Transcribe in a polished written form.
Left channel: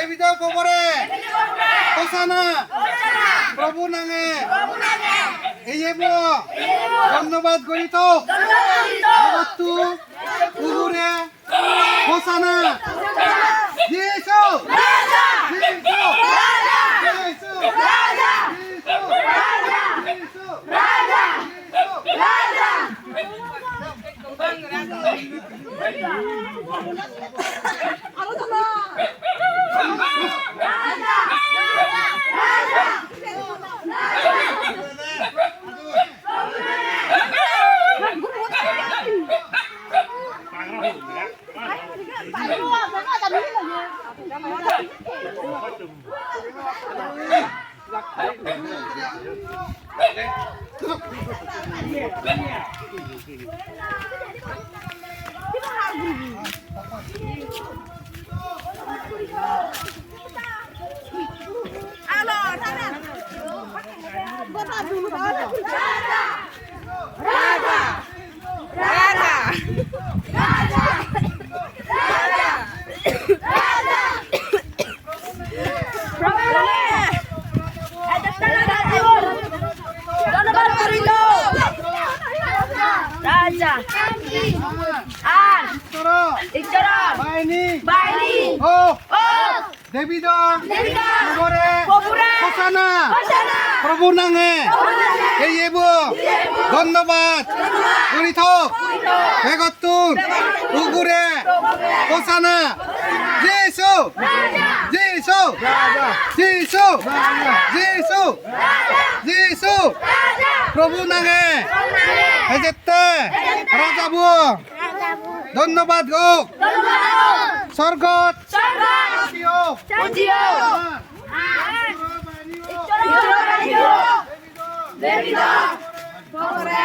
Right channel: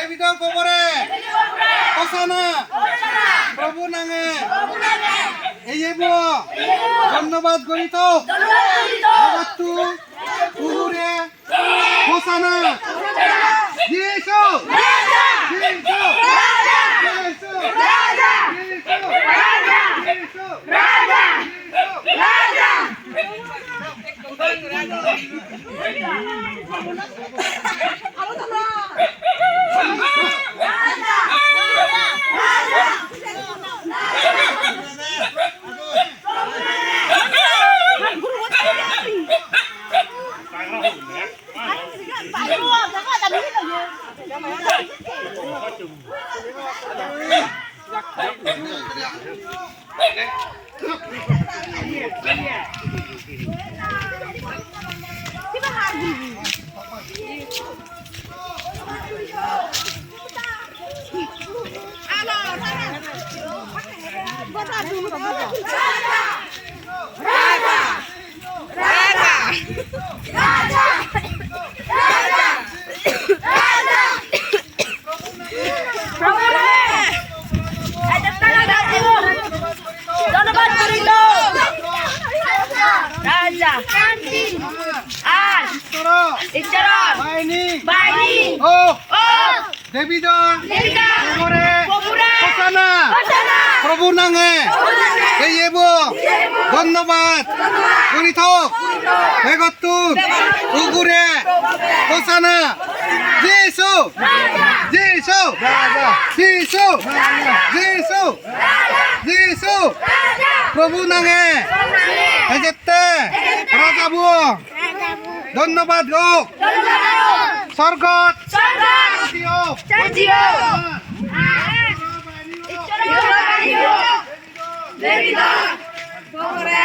দেবিদ ugore hosana প্রভু নামে এই ধন্যবাদ গণিত begottun ugore hosana jisu দেবিদ ugore hosana প্রভু নামে এই ধন্যবাদ গণিত begottun ugore hosana jisu jisu jisu jisu jisu প্রভু নামে এজেতে রাজাবু ধন্যবাদ হোক sorgo Begottun ugore